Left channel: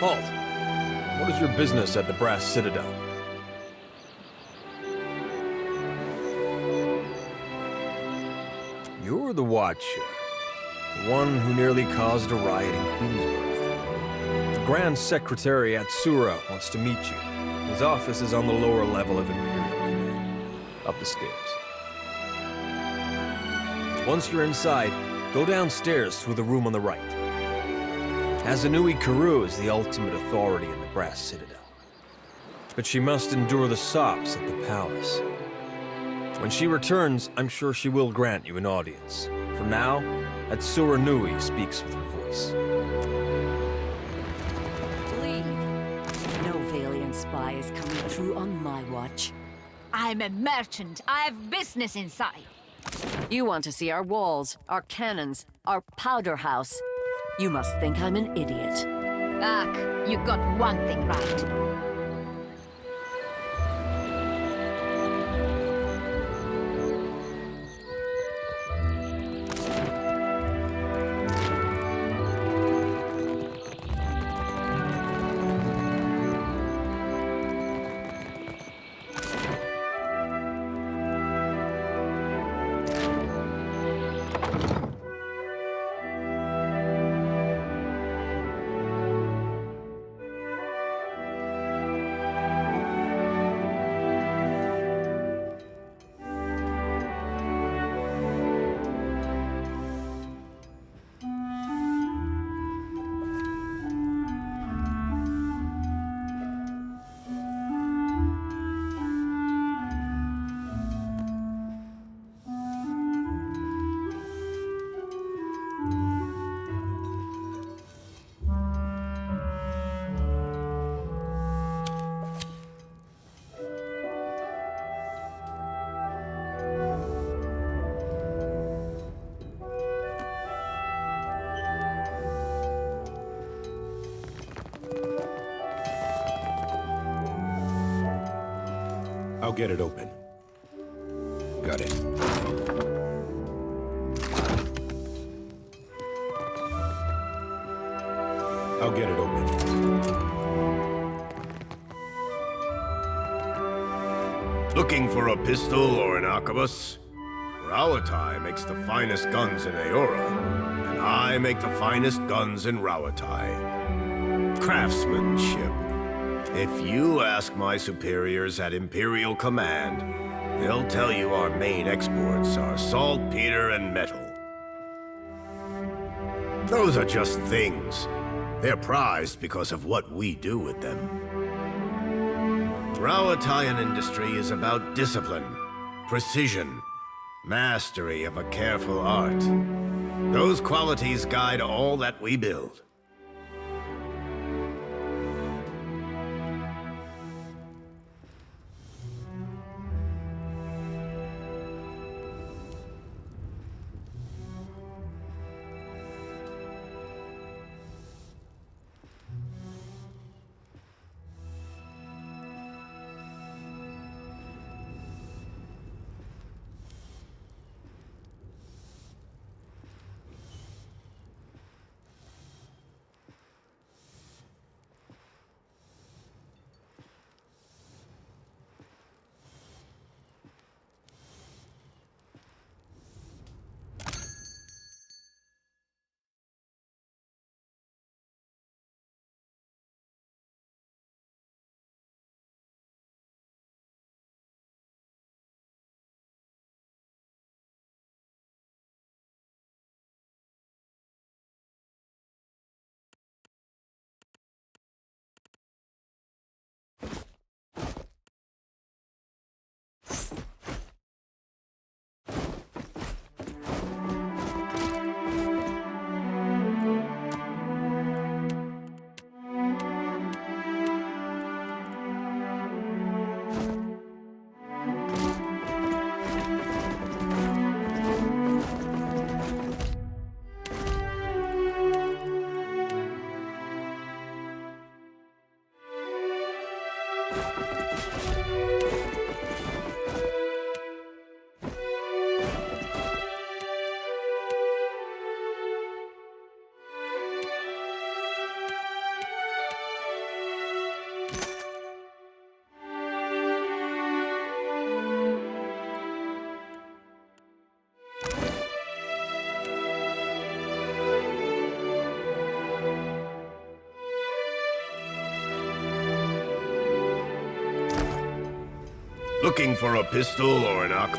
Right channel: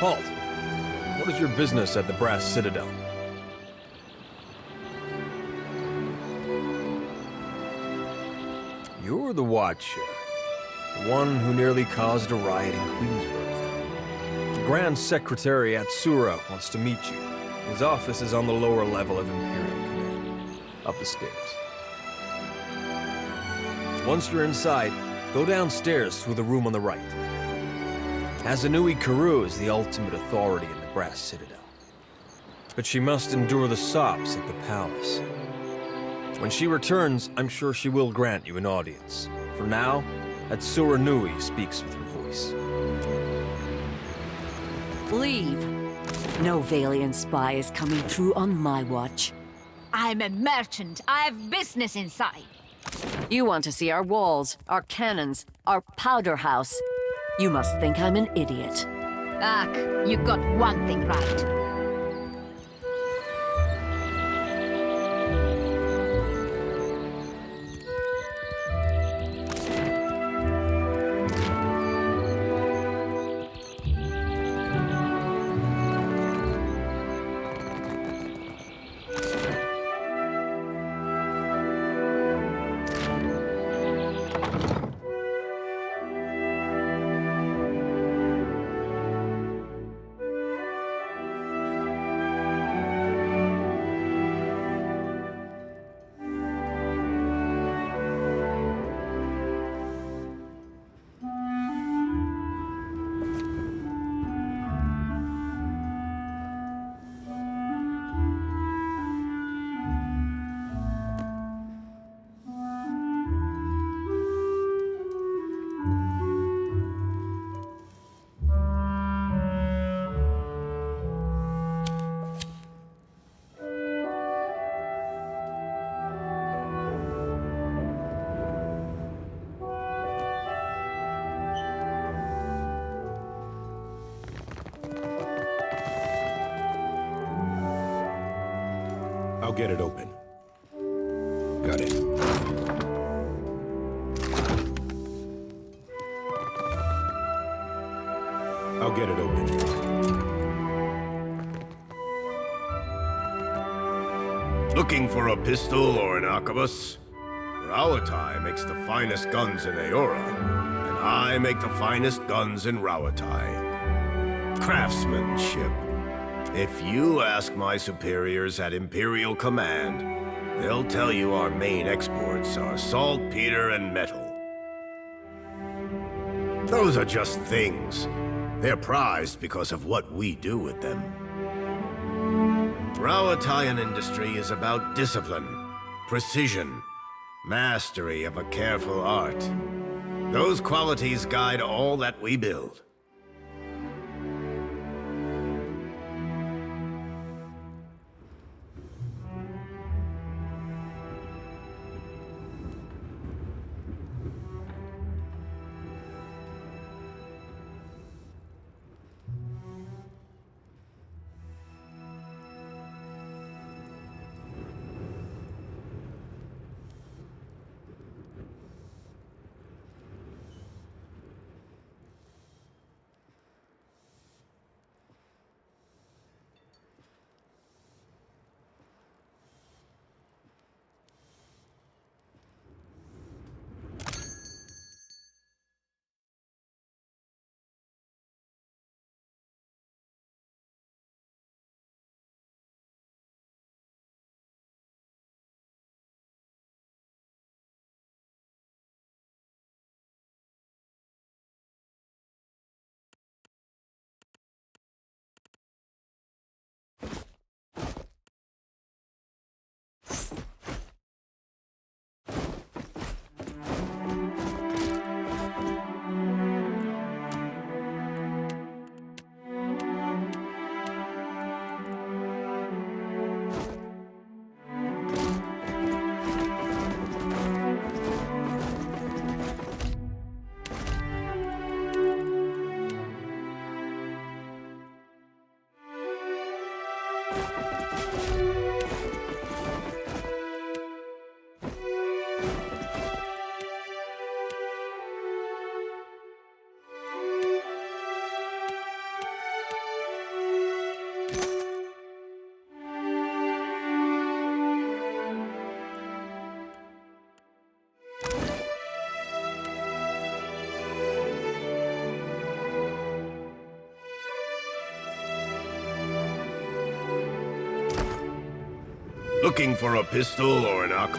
Halt! What is your business at the Brass Citadel? You're the Watcher. The one who nearly caused a riot in Queensburg. The Grand Secretary at Sura wants to meet you. His office is on the lower level of Imperial Command, up the stairs. Once you're inside, go downstairs through the room on the right. Hazanui Karu is the ultimate authority in the Brass Citadel. But she must endure the sops at the palace. When she returns, I'm sure she will grant you an audience. For now, Atsura Nui speaks with her voice. Leave. No Valiant spy is coming through on my watch. I'm a merchant. I have business inside. You want to see our walls, our cannons, our powder house. You must think I'm an idiot. Ugh, you got one thing right. I'll get it open. Got it. I'll get it open. Looking for a pistol or an arquebus? Rawatai makes the finest guns in Aora, and I make the finest guns in Rawatai. Craftsmanship. If you ask my superiors at Imperial Command, they'll tell you our main exports are saltpeter and metal. Those are just things. They're prized because of what we do with them. Rawataian industry is about discipline, precision, mastery of a careful art. Those qualities guide all that we build. Looking for a pistol or an arc?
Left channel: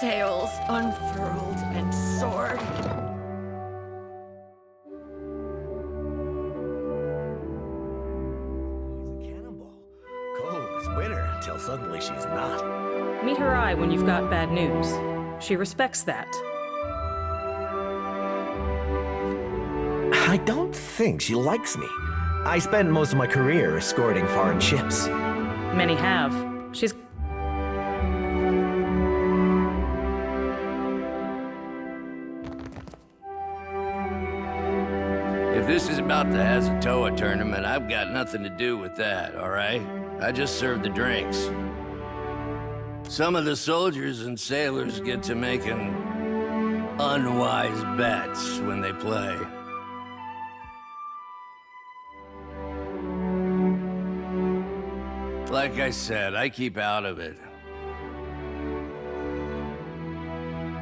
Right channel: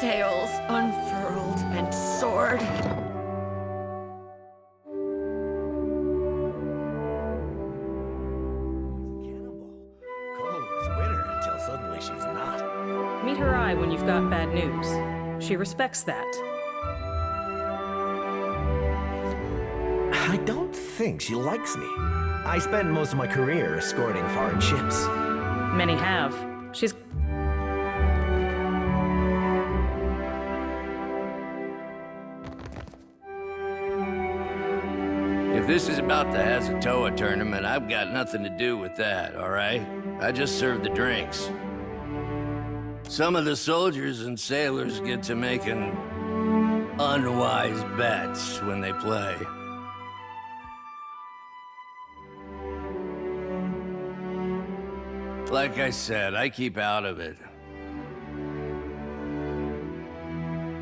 Sails unfurled and soared. Cannonball. Cold as winter until suddenly she's not. Meet her eye when you've got bad news. She respects that. I don't think she likes me. I spent most of my career escorting foreign ships. Many have. She's... If this is about the Hazatoa tournament, I've got nothing to do with that, all right? I just serve the drinks. Some of the soldiers and sailors get to making unwise bets when they play. Like I said, I keep out of it.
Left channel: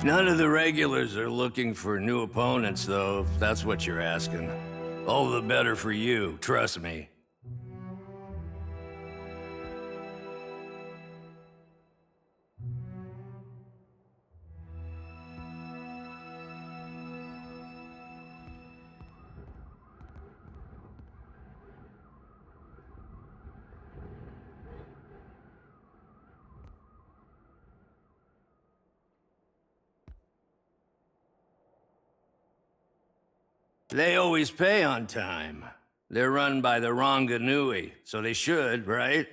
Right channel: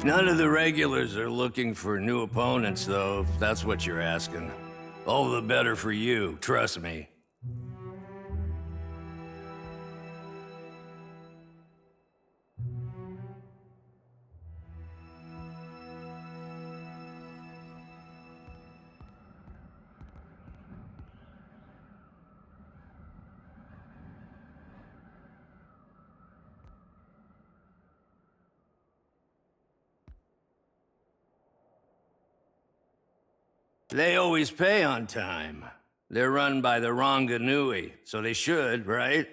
None of the regulars are looking for new opponents, though, if that's what you're asking. All the better for you, trust me. They always pay on time. They're run by the Ranganui, so they should, right?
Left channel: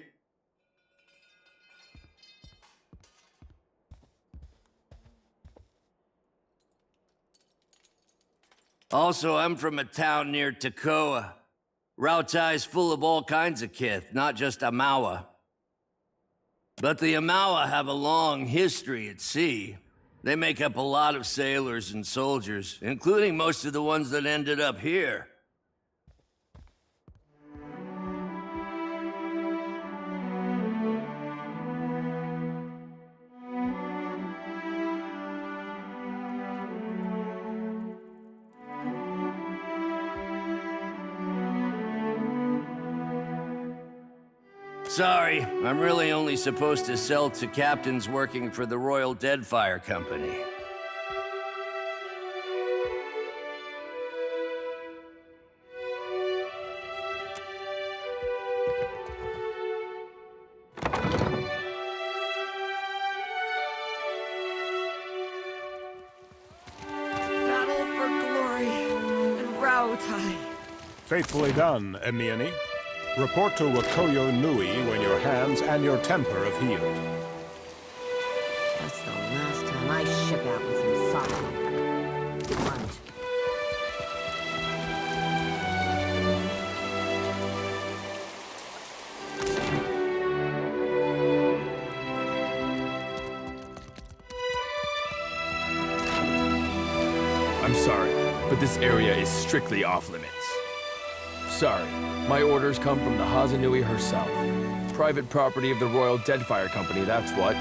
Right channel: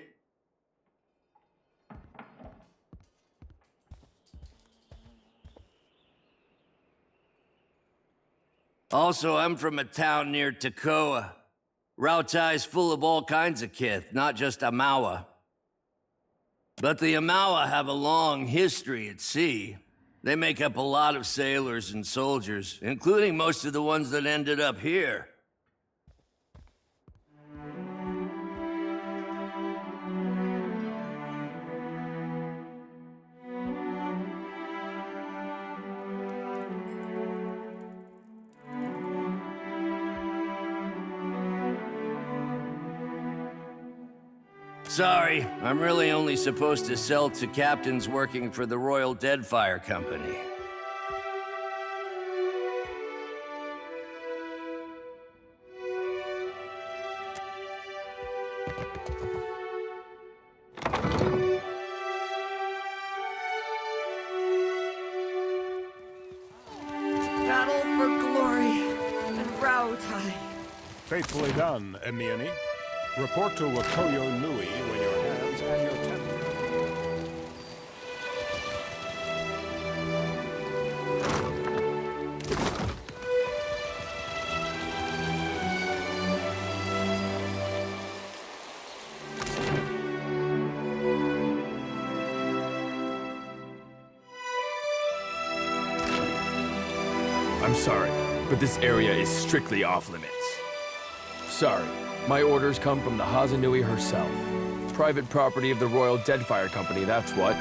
Also, I'm from a town near Tekoa. Rautai's full of all kinds of kith, not just Amawa. But the Amawa have a long history at sea. They make up a lot of sailors and soldiers, including most of the ones that ended up here. Sorry, I'm really only supposed to sell to captains working for the Royal Deadfire Company. Rautai. Faithfully done, Emiani. Report to Wakoyo Nui when your hands and your temper have healed. That's the last time I ship out was inside. I'm sorry, but this area is strictly off-limits. Sorry, my orders come from the Hazanui herself. Private property of the Royal Deadfire Company, that's what.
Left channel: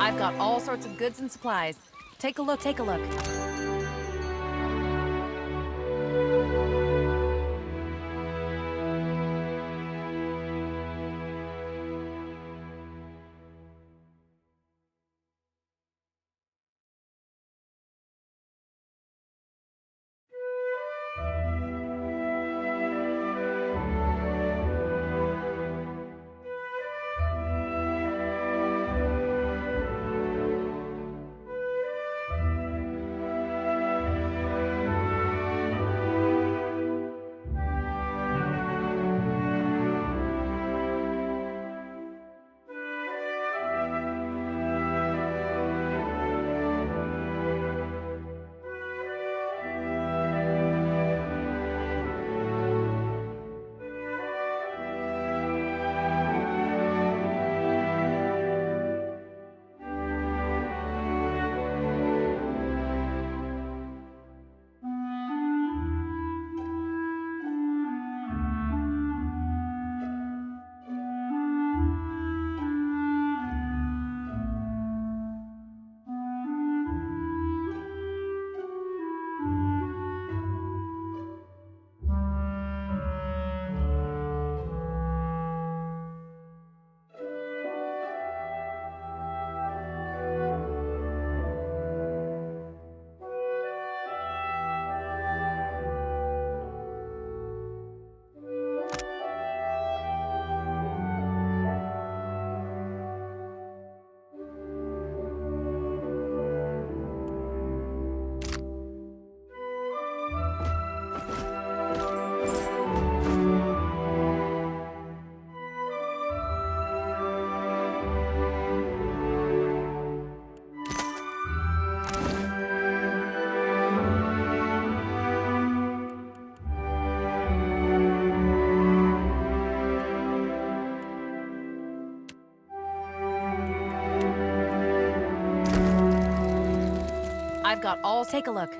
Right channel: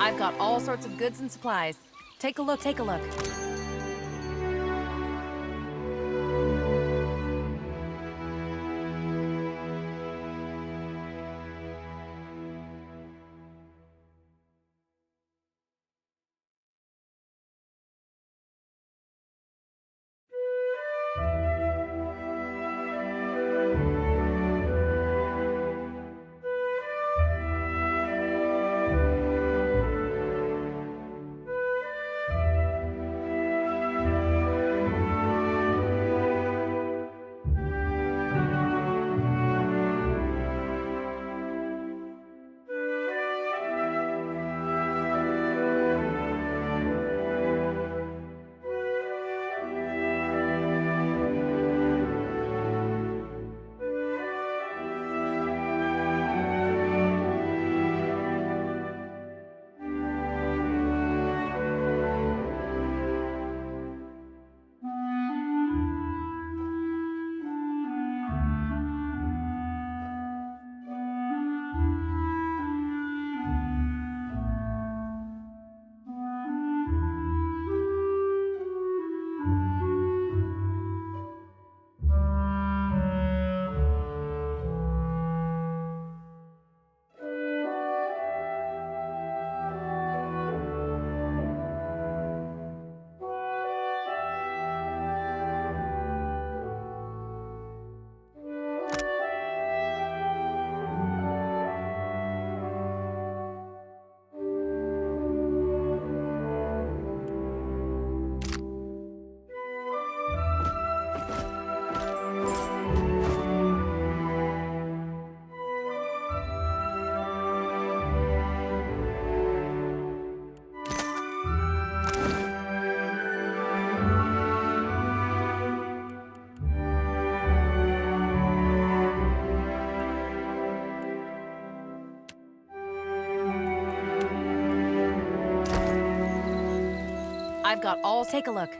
I've got all sorts of goods and supplies. Take a look, take a look. I've got all... Take a look.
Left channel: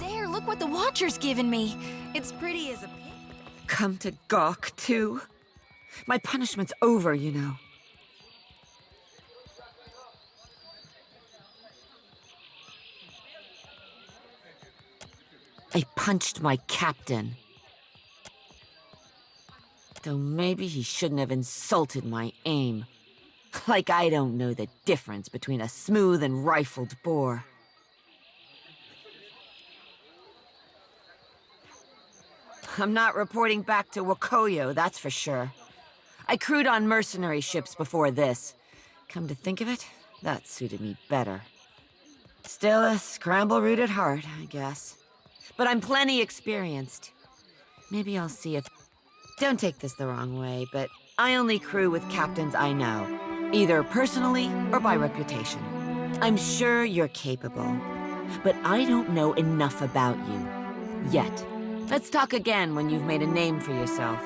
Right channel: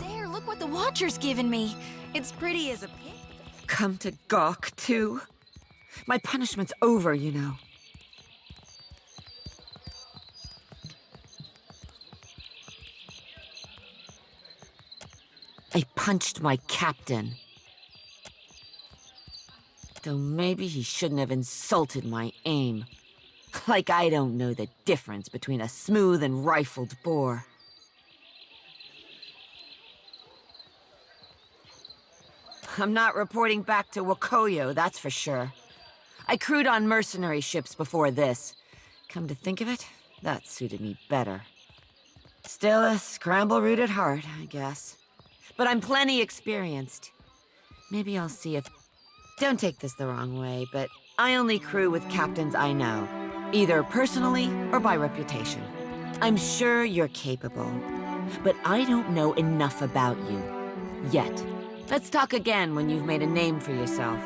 There, look what the Watcher's given me. It's pretty as a pig. Come to gawk, too? My punishment's over, you know. I punched my captain. Though maybe he shouldn't have insulted my aim. Like I don't know the difference between a smooth and rifled bore. I'm not reporting back to Wakoyo, that's for sure. I crewed on mercenary ships before this. Come to think of it, that suited me better. Still a scramble-root at heart, I guess. But I'm plenty experienced. Maybe I'll see if... Don't take this the wrong way, but I only crew with captains I know. Either personally or by reputation. I'm sure you're capable. But I don't know enough about you. Yet. Let's talk again when you've made a name for yourself.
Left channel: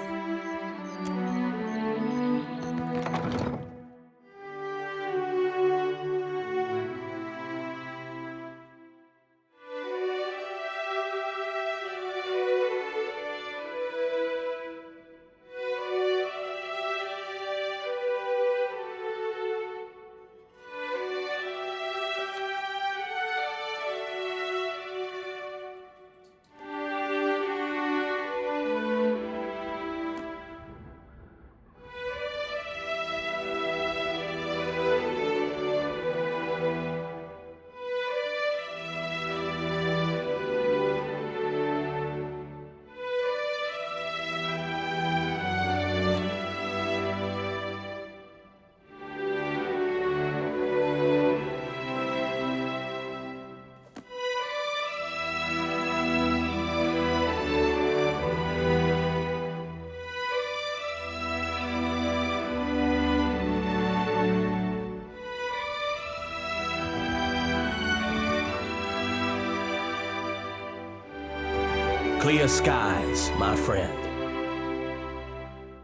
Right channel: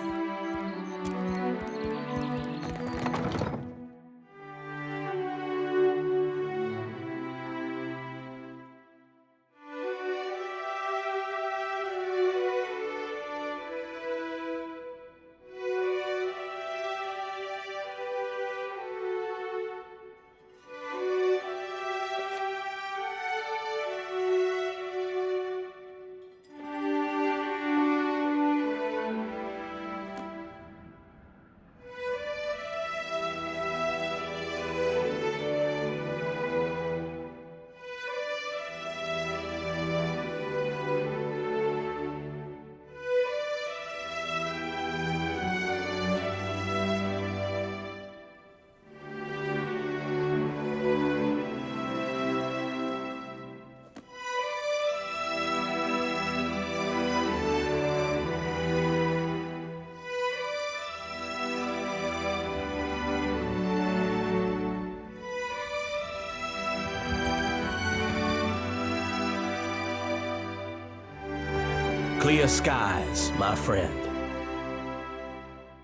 Clear skies, my friend.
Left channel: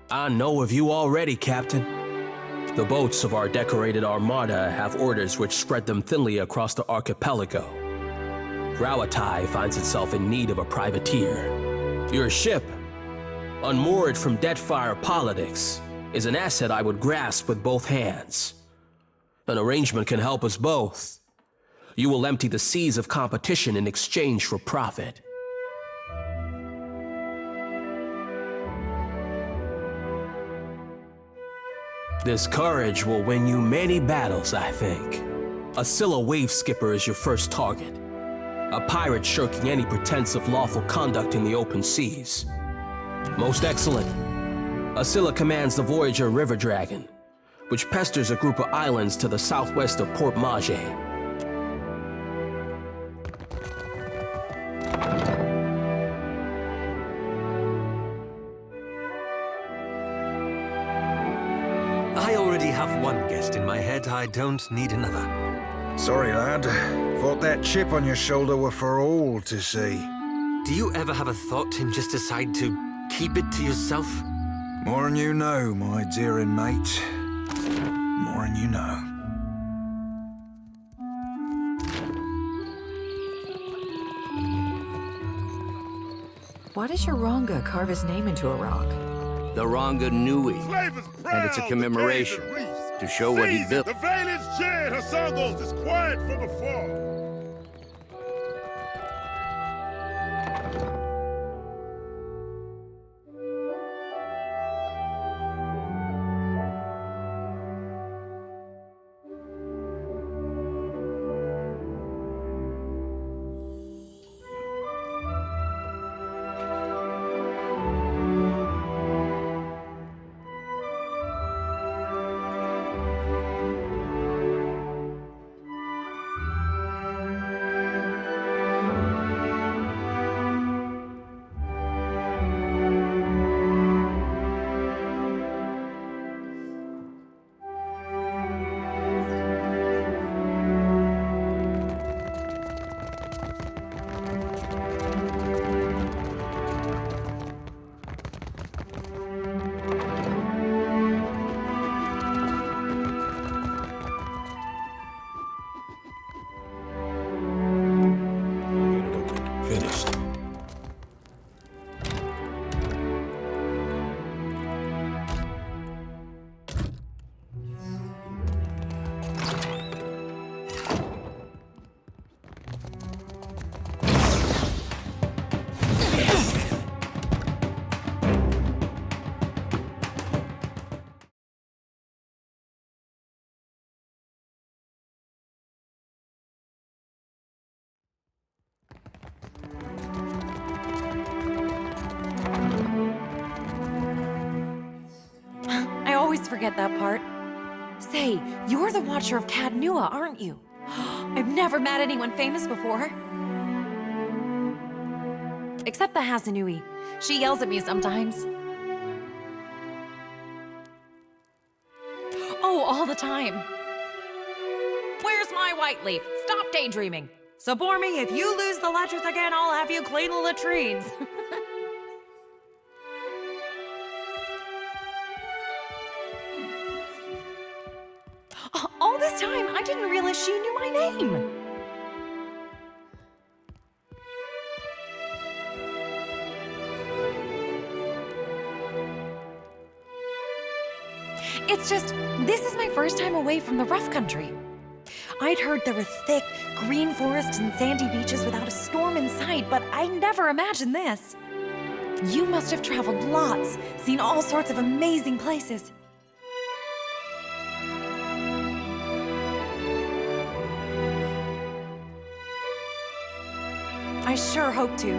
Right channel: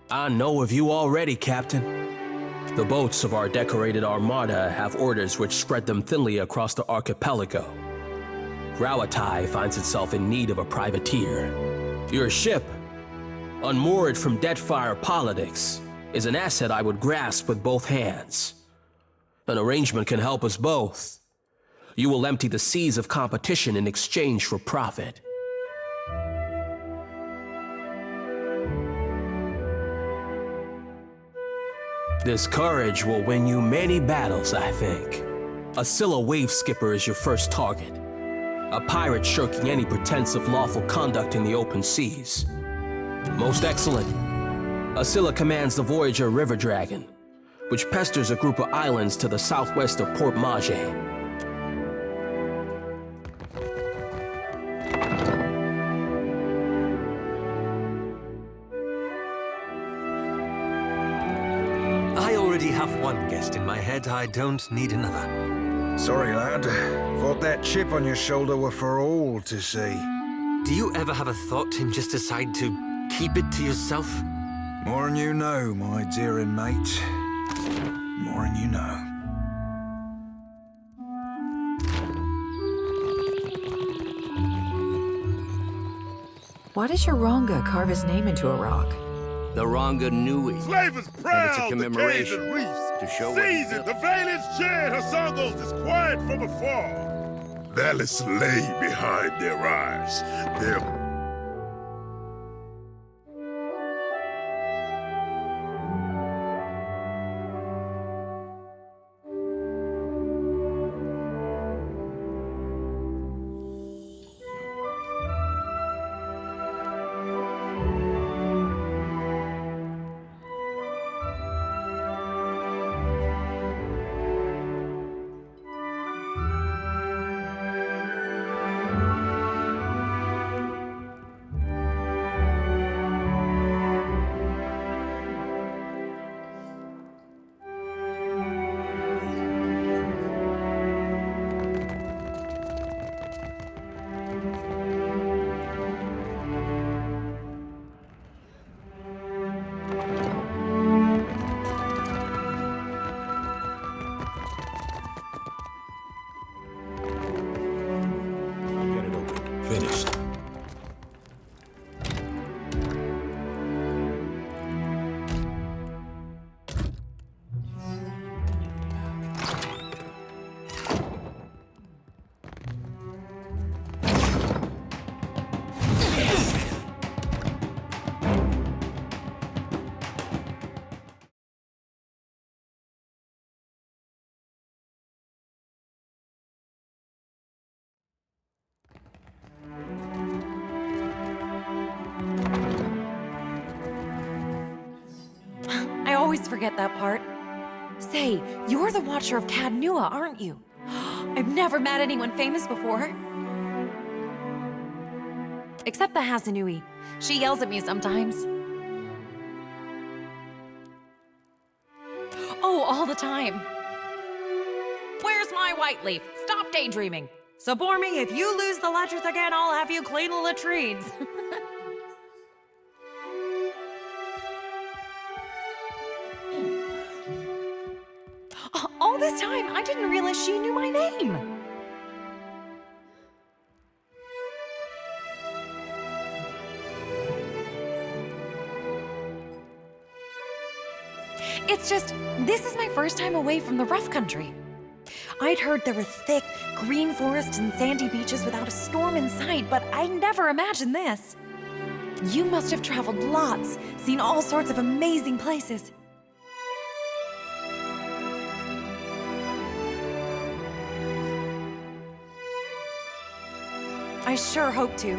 I know of you already, Captain. The boats of our decorated armada have orders which spread them thinly across the archipelago. Rauatai finds itself in need of a privateer. Your ship, unmoored from Deadfire politics, is an asset I would grasp with both hands. An arrangement can help us both. You will empty the seas of competition in exchange for profit. This courage will win you many battles, I think. A Scylla wave skipper is your first target. A pirate shirking any pretense of lawful conduct in the open seas. Most excellent. Scylla commands the Voyager River Dragon, which pesters a group of islands to the southwest of Port Maje. I already have one guest in my head. I don't need another. Sorry, lad. Thought that chip on your shoulder were for all to see. Do you ever have a thought and just decide to keep it to yourself? More'n you know, my dearin' mate. More'n you know. Why does your Ronga carve his name into a rock? The Ronga Nui. And it's a commemoration to show what he built. The valiant Jade Hasangos is quiet from afar. They'll slay behind their eyes. Finished. I always forget that part. Say, you're the Watcher of Cadnua, aren't you? I've never met anyone famous before. Except the Hasanui. She yells at me sometimes. Oh, all the time. Where's my white leaf? Stop daydreaming. Support me, if you lose the ledgers again, I'll have you clean the latrines. All this time, I didn't realize she knew my name. It's just, this is my first time away from the rough country. I'd heard there were thick, green forests and sandy beaches without a storm in sight, but I never imagined this. You must have traveled lots, seen all sorts of amazing places. I sure hope to.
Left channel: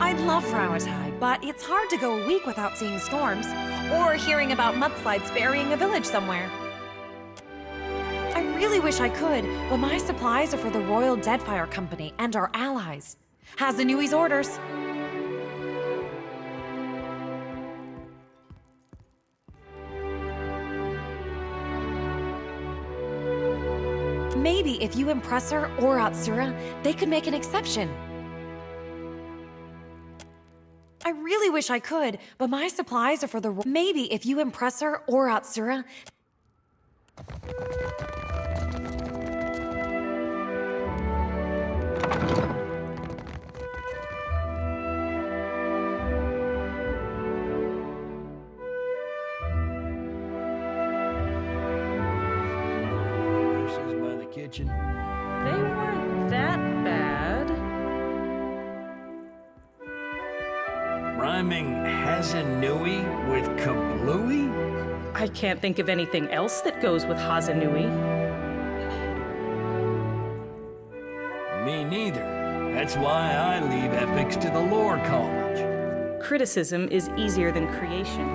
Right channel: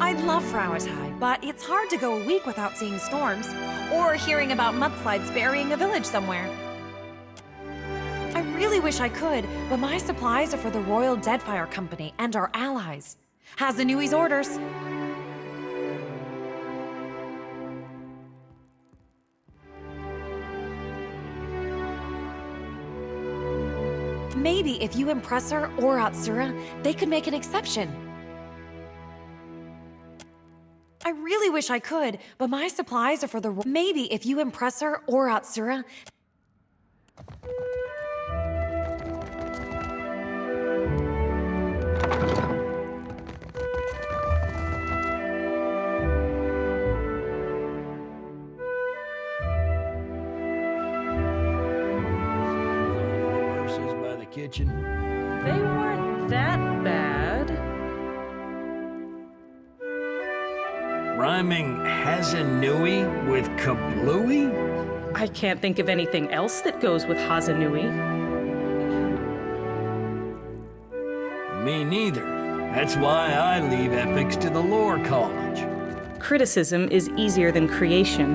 I'd love Rauatai, but it's hard to go a week without seeing storms, or hearing about mudslides burying a village somewhere. I really wish I could, but my supplies are for the Royal Deadfire Company and our allies. Hasanui's orders. Maybe if you impress her or Atsura, they could make an exception. I really wish I could, but my supplies are for the... Maybe if you impress her or Atsura... Horses by the kitchen. They weren't that bad. Rhyming Hazanui with kablooey? I can't think of anything else that goes with Hazanui. Me neither. That's why I leave epics to the lore college. Criticism is easier than creation.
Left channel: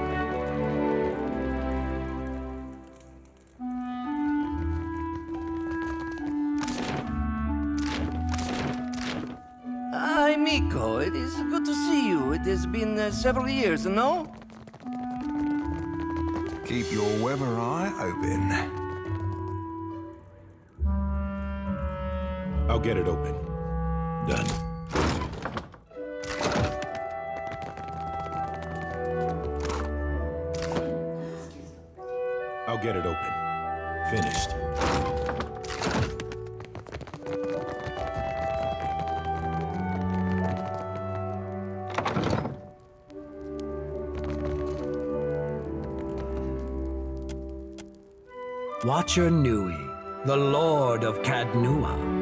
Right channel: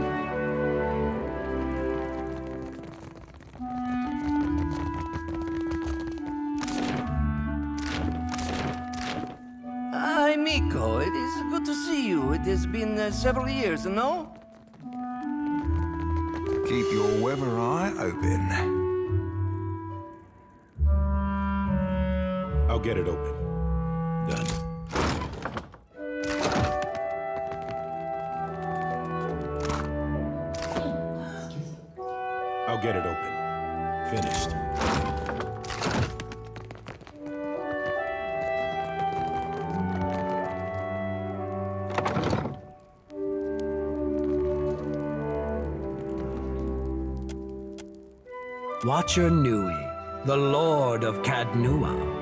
Hi, Miko. It is good to see you. It has been several years, no? Keep your weather eye open. I'll get it open. Done. I'll get it open. Finished. Watcher Nui, the Lord of Cadnua.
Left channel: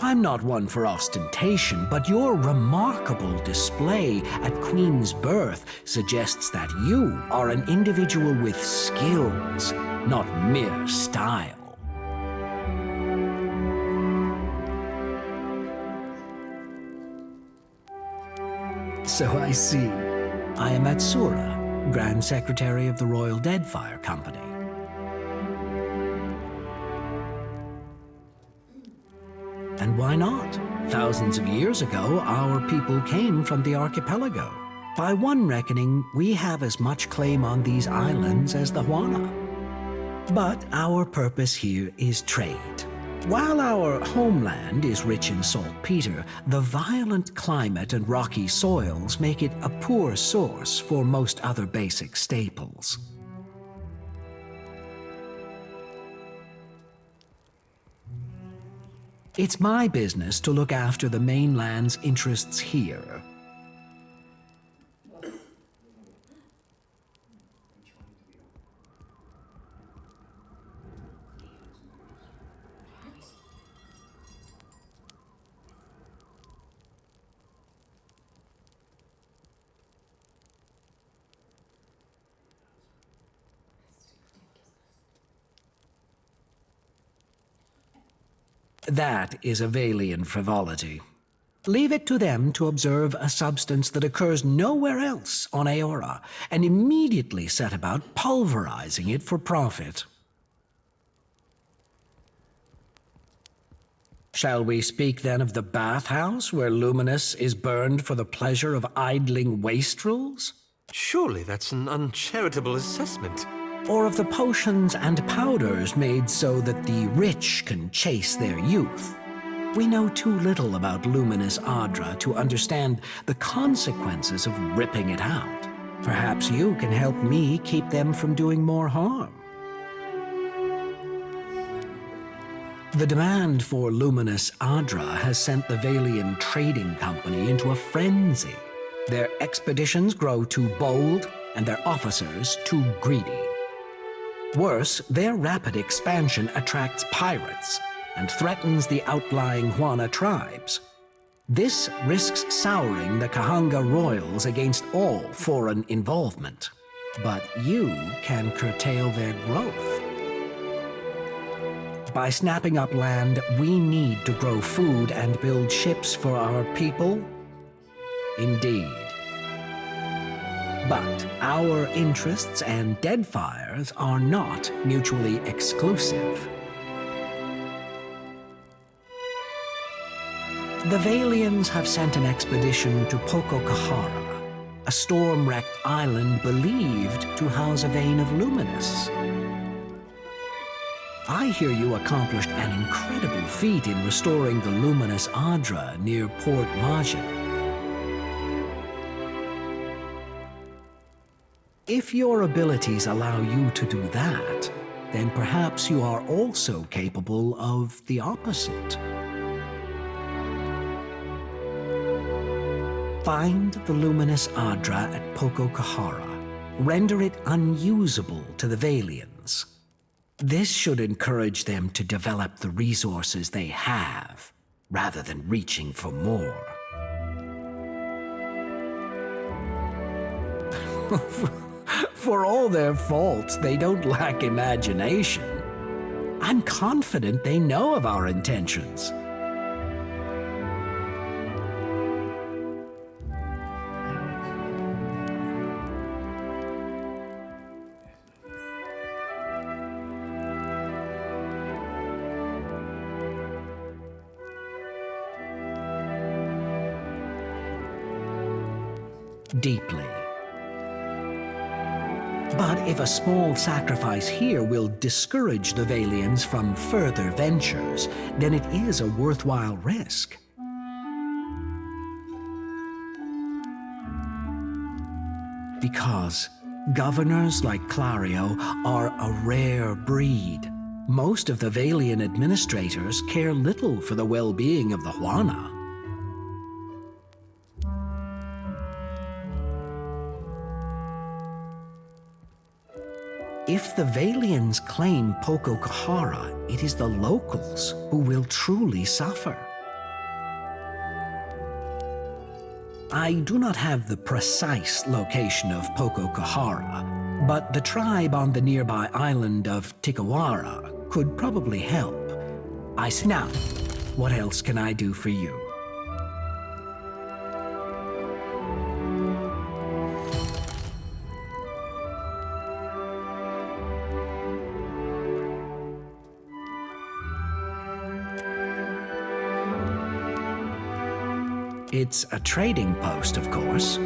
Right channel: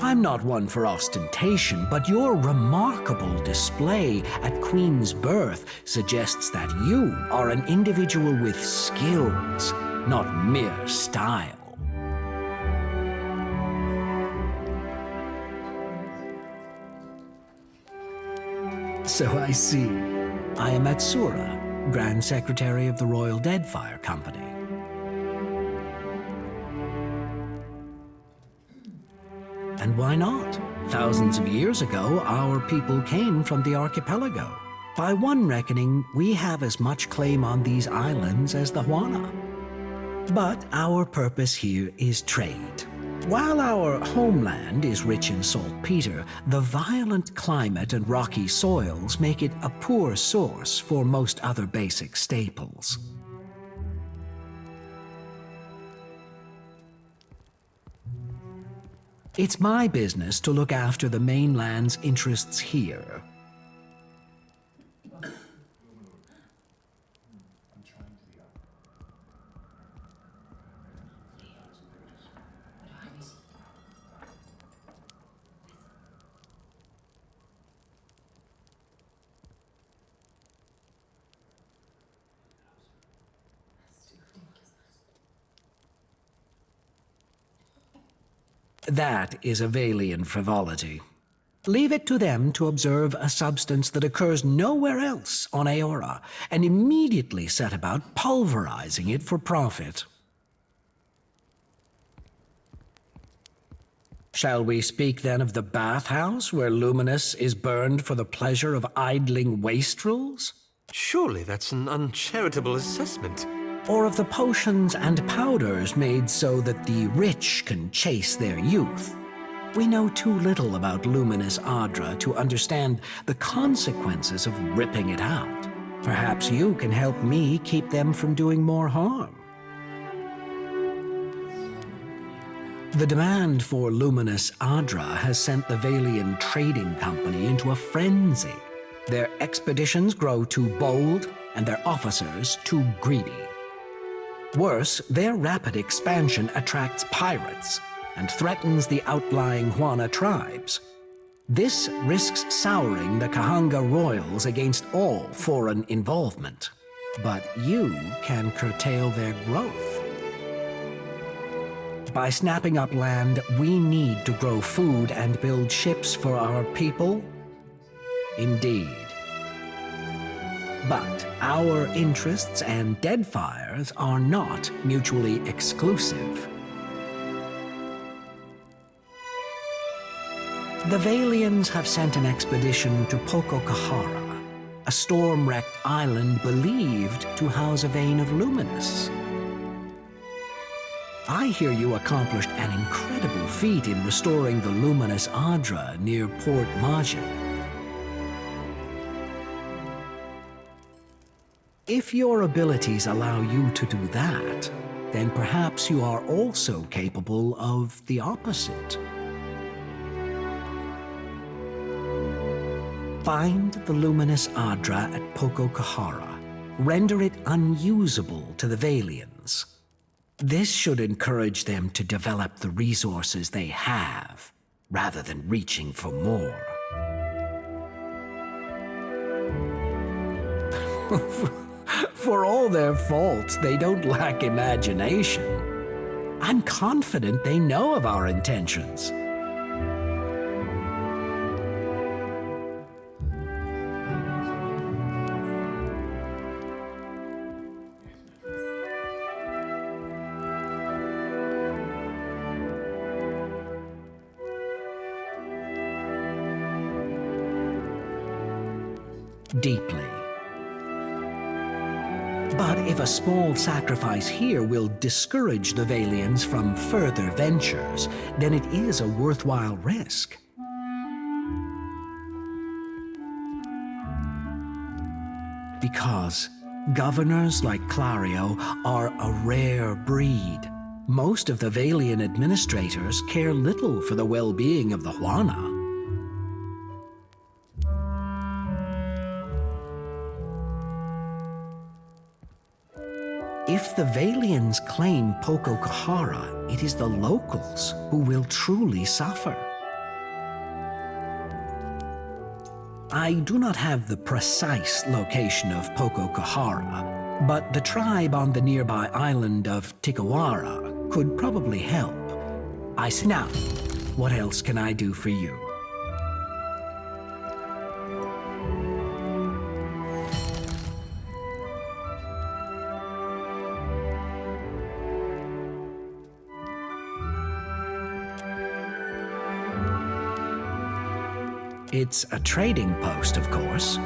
I'm not one for ostentation, but your remarkable display at Queen's birth suggests that you are an individual with skills, not mere style. So I see. I am Atsura, Grand Secretary of the Royal Deadfire Company. And why not? Thousands of years ago, our people came from the archipelago. By one reckoning, we have as much claim on these islands as the Juana. But our purpose here is trade. While our homeland is rich in saltpeter, the violent climate and rocky soils make it a poor source for most other basic staples. It's my business to look after the mainland's interests here. That is a Valian frivolity. Leave it to them to observe a substance that occurs nowhere else on Aora, and immediately set about pulverizing it for profit. Shall we speak then of the bathhouse, where Luminous is burned for the pleasure of idling wastrels? Surely that's an uncharitable assessment. Or of the potions and powders made so that the rich can chase their youth? We know too little about Luminous Adra to understand the consequences of ripping it out. Perhaps you can help me keep them from doing more harm. The demand for Luminous Adra has sent the Valian Trading Company into a frenzy. Their expeditions grow too bold, and their officers too greedy. Worse, their rapid expansion attracts pirates and threatens the outlying Juana tribes. This risks souring the Kahanga royals against all foreign involvement. But you can curtail their growth. By snapping up land we need to grow food and build ships for our people? Indeed. But our interests and Deadfire's are not mutually exclusive. The Valians have sent an expedition to Pococahara, a storm-wrecked island believed to house a vein of Luminous. I hear you accomplished an incredible feat in restoring the Luminous Adra near Port Majid. If your abilities allow you to do that, then perhaps you are also capable of the opposite. Find the luminous Adra at Pococahara. Render it unusable to the Valians. This should encourage them to develop the resources they have, rather than reaching for more. For all their faults, they don't lack imagination. I'm confident they know of our intentions. Deeply. But if a small sacrifice here will discourage the Valians from further ventures, then it is a worthwhile risk. Because governors like Clario are a rare breed. Most of the Valian administrators care little for the well-being of the Huana. If the Valians claim Pococahara, it is the locals who will truly suffer. I do not have the precise location of Pococahara, but the tribe on the nearby island of Tikawara could probably help. Now, what else can I do for you? It's a trading post, of course.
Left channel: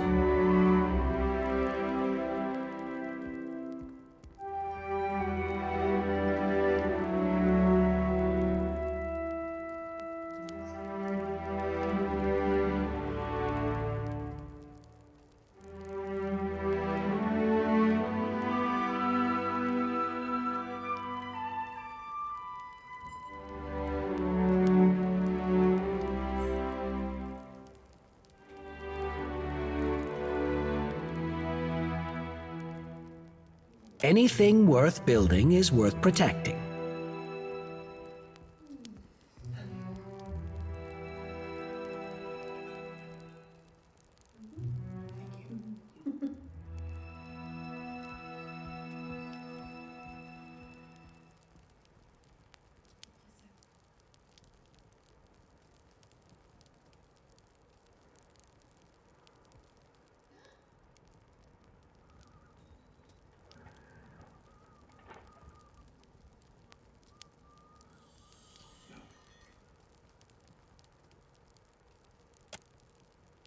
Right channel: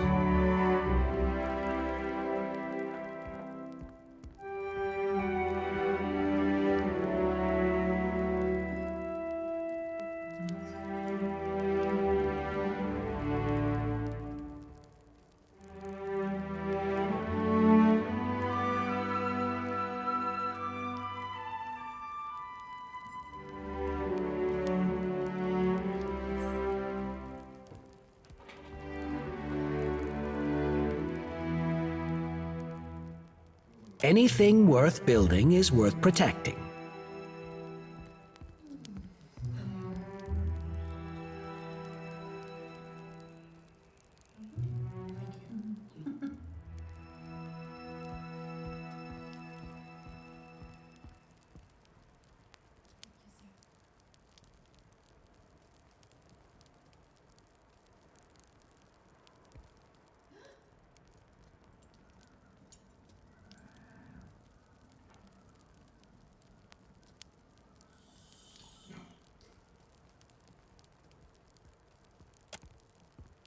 Anything worth building is worth protecting.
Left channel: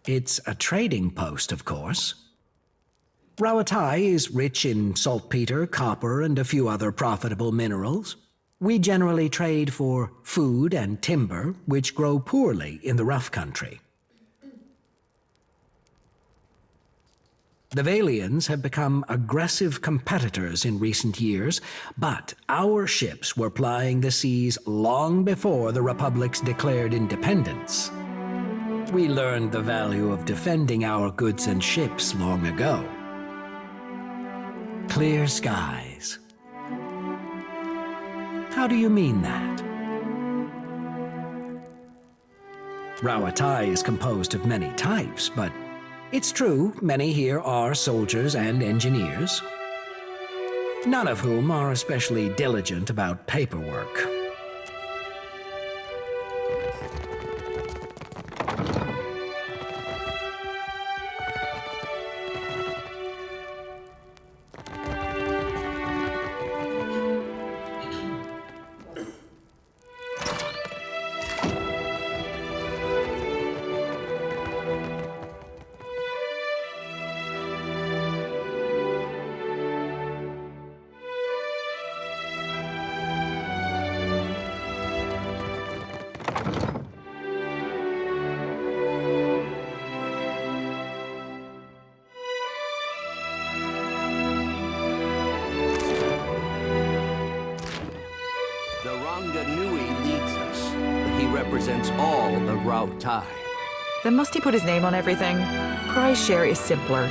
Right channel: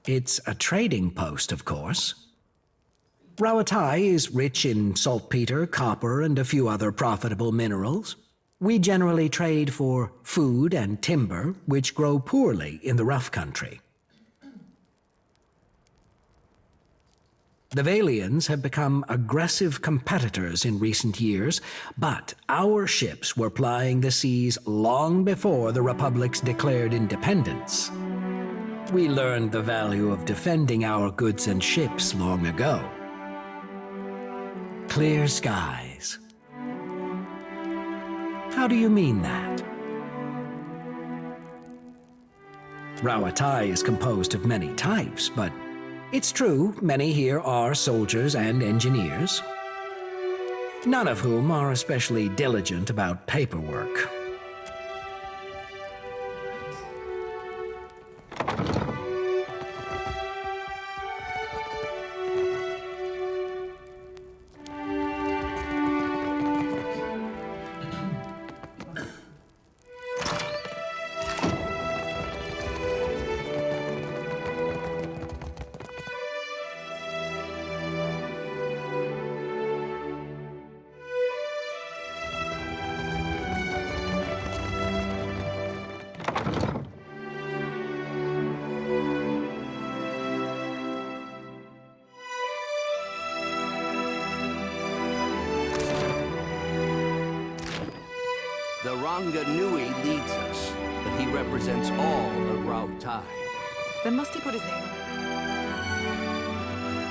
It's a trading post, of course. Rawatai is rich in saltpeter, copper, and a few other profitable minerals. We generally trade for food and timber, which grow poorly in the rough country. The Valians have become aggressive competitors in recent years, but our ships were plying the seas long before the Republic's declared independence. We learned the value of defending our goods and ships long ago. Clear skies. How do you mean that? Rawatai is composed of many types, but it's true many here are soldiers and engineers, none of whom are especially diligent about paperwork. Ranga Nui leads us, but he represents all of Rao Tai. Then must he put his name on everything? Prize share is simpler.